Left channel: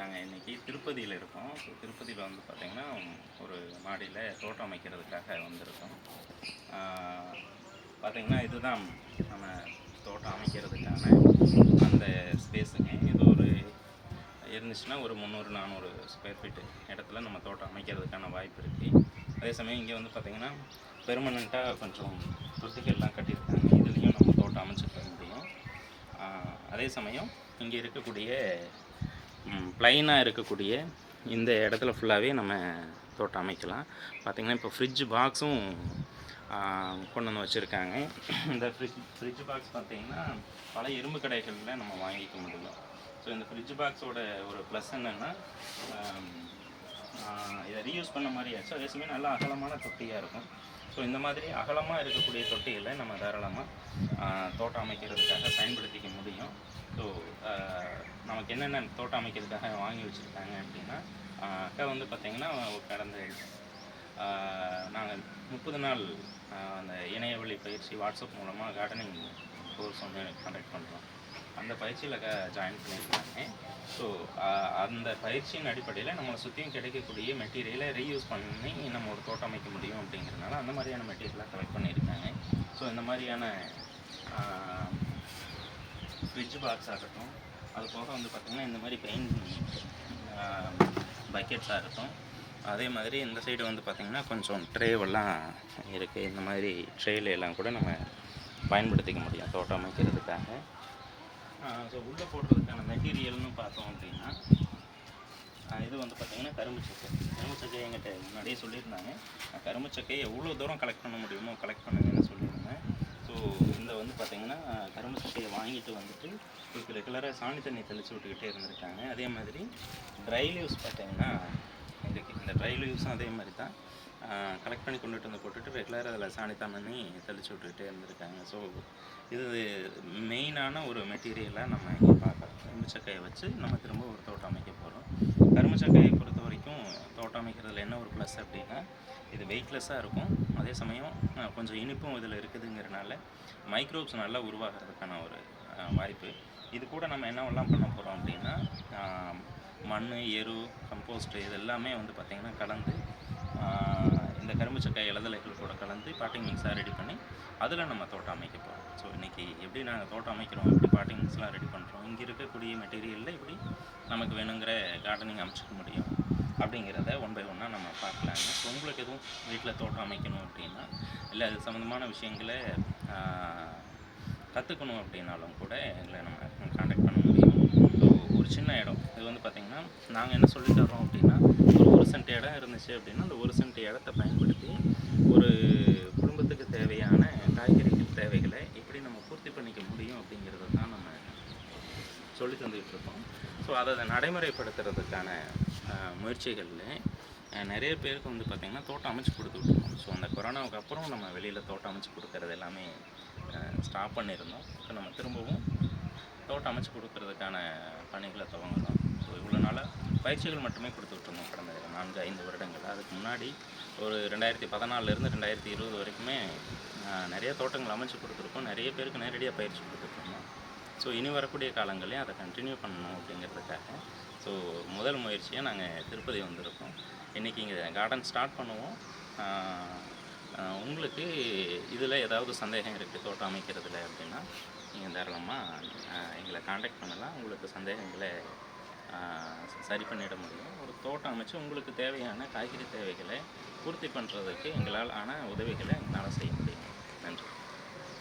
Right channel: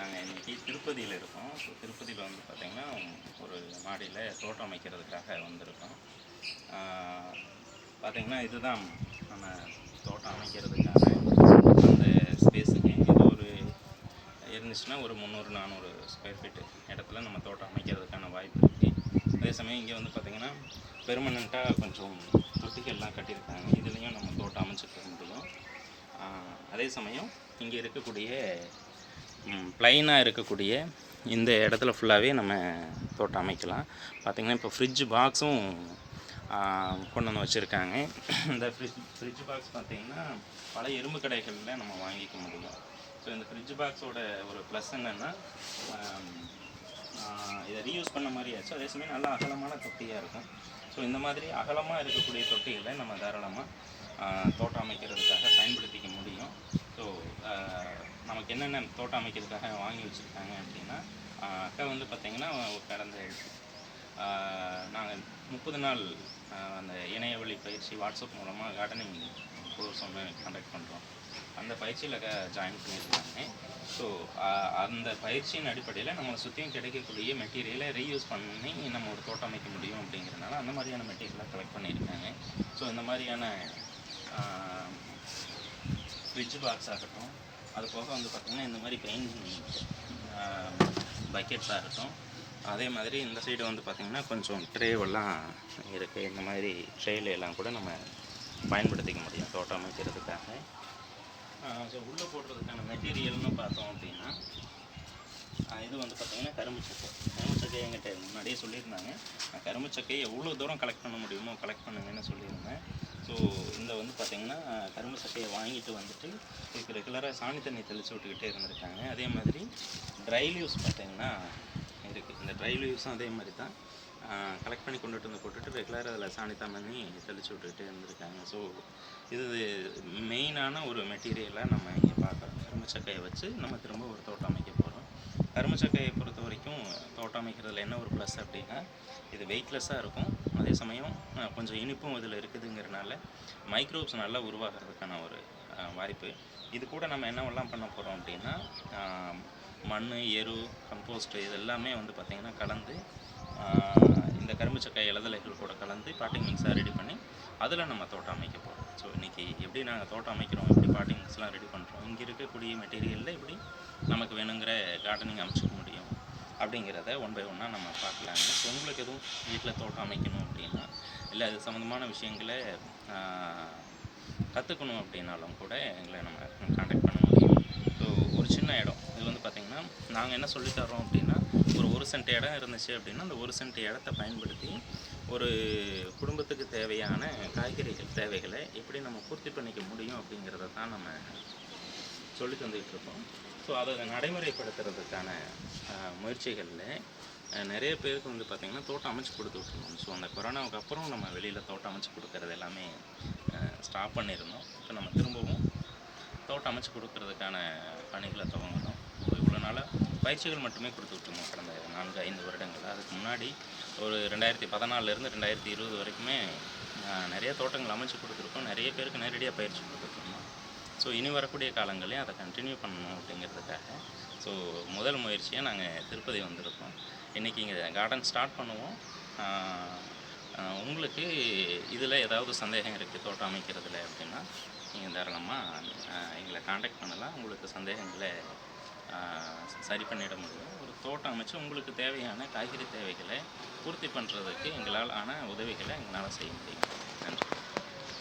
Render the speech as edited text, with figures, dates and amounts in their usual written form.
நாங்கள் இன்றைக்கி திருப்பதியில் இருக்கோம். ஸோ திருப்பதியில் வந்து பார்த்திங்கன்னா ஒரு மாடியில் தோட்டம் அமைக்கிறதுக்காக வந்திருக்கோம். பார்த்திங்கன்னா இதுதான் நம்ம தோட்டம் அமைக்கிறதுக்கான அந்த ஸ்பேஸுங்க. இது ஒரு இருந்துச்சுன்னா ஒரு 300-400 ஸ்கொயர் ஃபீட்டு இடத்துல நம்ம தோட்டம் அமைக்கிறதுக்கான வாய்ப்பு இருக்குது. அதே சமயம் இங்கே வந்து பார்த்திங்கன்னா பெர்மனண்ட்டாக கொஞ்சம் தொட்டிகள்லாம் கட்டியிருக்காங்க. இதுலேயும் நம்ம தோட்டம் அமைச்சிக்க முடியும். அதே சமயம் இங்கே இருக்கக்கூடிய ப்ளைனாக இருக்கக்கூடிய இந்த இடத்துல ஃபுல்லாகவே நம்ம தோட்டம் அமைக்கலாம். பார்த்திங்கன்னா இப்போ ஃப்ரிட்ஜ் பாக்ஸும் கொண்டு வந்து வச்சுருக்காங்க. இந்த ஃப்ரிட்ஜ் பாக்ஸ் பார்த்திங்கன்னா பல இரும்பு கடைகளில் நம்ம வாங்கிக்க முடியும். ஸோ இந்த ஃப்ரிட்ஜ் பாக்ஸோட ஒரு ப்ளஸ் என்னென்னா இதை ரீயூஸ் பண்ண மாதிரி ஆச்சு. அதே சமயம் நல்லா அகலமான தொட்டியாக இருக்கும். ஸோ இந்த மாதிரி அகலமாக இருக்கக்கூடிய தொட்டிகளை நம்ம தாராளமாக தோட்டம் அமைக்கிறதுக்காக பயன்படுத்திக்க முடியும். ஸோ நமக்கு என்னென்ன தோட்டம் அமைக்கிறதுக்காக வாங்கி வச்சுருக்காங்க அப்படின்னா, அக்கா வந்து பார்த்திங்கன்னா கடந்த நாங்கள் 30 நாள் அந்த இணையவழி பயிற்சி வாட்ஸ்அப் மூலமாக கார்டனிங் கோர்ஸ் ஒன்று கண்டக்ட் பண்ணுறோம். அந்த பயிற்சியில் ஜாயின் பண்ணியிருக்காங்க. ஸோ அந்த பயிற்சியின் அடிப்படையில் நம்மளை சுற்றியும் கிடைக்கக்கூடிய மெட்டீரியலை ரீயூஸ் பண்ணி நம்ம ஒரு தோட்டம் அமைக்க முடியும் அப்படிங்கிறனால அந்த மாதிரியான மெட்டீரியலாக கலெக்ட் பண்ணியிருக்காங்க. ஸோ இந்த மாதிரியான ஃப்ரிட்ஜ் பாக்ஸ் ஆகட்டும், அது போக வந்து பார்த்திங்கன்னா இந்த மாதிரி பெயிண்ட் பக்கெட்ஸ் ஆகட்டும், அதே மாதிரி இந்த சைடு வந்து பார்த்திங்கன்னா கொஞ்சம் ட்ரேவெல்லாம் இருக்குது. இந்த மாதிரி ட்ரேல எல்லாம் கூட நம்ம பயன்படுத்திக்க முடியும் தோட்டம் அமைக்கிறதுக்காக. ஸோ உள்ளே போடுறதுக்கான மெட்டீரியல்னு பார்த்தோம் அப்படின்னா, இது வந்து பார்த்திங்கன்னா கரும்பு சக்கை என்கிட்ட முன்னாடியே சொல்லியிருந்தாங்க. கரும்பு சக்கையை எவ்வளோ தூரம் கலெக்ட் பண்ண முடியுமோ கலெக்ட் பண்ணுங்கன்னு சொல்லியிருந்தேன். ஸோ இந்த வந்து பார்த்திங்கன்னா கரும்பு சக்கையை வாங்கிட்டு வந்துட்டு இதுக்கு ரெகுலராக சாணி தண்ணி தெளித்து விட்டுக்கிட்டே இருந்திருக்காங்க. அதே மாதிரி ட்ரை லீவ்ஸ் பார்த்திங்கன்னா இருக்குது. இந்த ட்ரை லீவ்ஸும் அதே மாதிரி தான் கலெக்ட் பண்ணி கொண்டுட்டு வந்து போட்டுட்டு ரெகுலராக அதில் சாணி தண்ணி தெளித்து விட்டுக்கிட்டே இருந்திருக்காங்க. ஸோ இது மெயினான ஒரு மெட்டீரியலாக நம்ம இங்கே பார்க்குறோம். கரும்பு சக்கையை வச்சு நம்ம திரும்ப ஒரு தோட்டம் அமைக்க போகிறோம். கரும்பு சக்கையை பொறுத்த வரைக்கும் தோட்டம் அமைக்கிறதுல என்ன ஒரு ப்ளஸ் அப்படின்னா, இது வெயிட்லெஸ்ஸாக இருக்கும். அதே சமயம் கொஞ்சம் இனிப்பும் இதில் இருக்குதுங்கிறனால மைக்ரோப்ஸ் நல்லா உருவாகிறதுக்கான ஒரு வாய்ப்பு. இது கூட நம்ம என்னவெல்லாம் பண்ண போகிறோம் அப்படின்னா, மண், எரு, கம்போஸ்ட்டு இது எல்லாமே வந்து பார்த்திங்கன்னா கலந்து இந்த கரும்பு சக்கை இலதலைகள் கூட கலந்து பாட்டிங் மிக்ஸாக ரெடி பண்ணி அதில் நம்ம தோட்டம் அமைக்க போகிறோம். ஸோ இன்றைக்கி எப்படி நாங்கள் தோட்டம் அமைக்கிறோம், எப்படி பாட்டிங் மிக்ஸ்லாம் ரெடி பண்ணுறோம், இங்கே இருக்கக்கூடிய மெட்டீரியலில் எப்படி நமக்கு வேணுங்கிற கார்டனிங் அமைச்சிக்க முடியும் அப்படிங்கிறத ஒன் பை ஒன்னாக நம்ம பார்க்கலாங்க. ஸோ உங்களுக்கு எதுவும் வீட்டில் தோட்டம் அமைக்கணும் அப்படின்னா, இல்லை அது சம்மந்தமான விஷயங்களை கற்றுக்கணும் அப்படின்னாலும் கூட எங்களை நம்ம காண்டாக்ட் பண்ண முடியும். ஸோ ஒரு சின்ன இடம் இது வந்து பார்த்திங்கன்னா நாங்கள் என்ன சொல்லித்தரோம் அப்படின்னா, ஒரு 1 சென்ட் இடம் இருந்துச்சு அப்படின்னா அந்த 1 சென்ட் இடத்த பயன்படுத்தி ஒரு குடும்பத்துக்கு தேவையான காய்கறிகள் தேவைகளை எப்படி நம்ம பூர்த்தி பண்ணிக்க முடியும் அப்படிங்கிறத தான் நம்ம சொல்லி தந்துக்கிட்டு இருக்கோம். ஸோ அதை நடைமுறைப்படுத்துறதுக்கான முயற்சிகளில் நிறைய பேருக்கு வந்து பார்த்திங்கன்னா தோட்டம் அமைச்சு கொடுத்துருக்கோம். ஸோ அந்த கொரோனாவுக்கு அப்புறம் நம்ம வெளியில் தோட்டம் அமைச்சு கொடுக்கறது எல்லாமே ஸ்டாப் பண்ணியிருந்தோம். இப்போ நம்ம திரும்பவும் தோட்டம் அமைச்சு கொடுக்கறதுக்கான பணிகளை துவங்குறோம். ஸோ இவ்வளோ நாளாக பயிற்சிகள் மட்டுமே கொடுத்துட்ருந்தோம் கடந்த 4-5 வருடங்கள். அதுக்கு முன்னாடி ஒரு 2014லேருந்து 2020 வரைக்குமே நிறைய தோட்டங்கள் அமைச்சு கொடுத்துருக்கோம். நிறைய பேருக்கு நேரடியாக பயிற்சி கொடுத்துட்ருந்தோம். ஸோ இனி வரக்கூடிய காலங்களையும் அதை கண்டினியூ பண்ணணும் அப்படிங்கிறதுக்காக ஸோ முதல் முயற்சியாக நாங்கள் திருப்பதி வந்திருக்கோம். இன்றைக்கி இங்கே கார்டன் ஸ்டார்ட் பண்ணுவோம். உங்களுக்கு இதில் ஏதாவது சந்தேகம் இருக்குது தோட்டம் அமைக்கிறதுல அப்படின்னா நீங்கள் தாராளமாக எங்களை காண்டாக்ட் பண்ணலாம். உங்களுக்கு சந்தேகங்களை சரி பண்ணிட முடியும். ஒரு தோட்டம் அமைச்சு உங்களுக்கு தேவையான காய்கறி தேவைகளை பூர்த்தி பண்ணுறதுக்கு எங்களால் ஆன உதவிகளை எங்களால் செய்ய முடியும். நன்றி.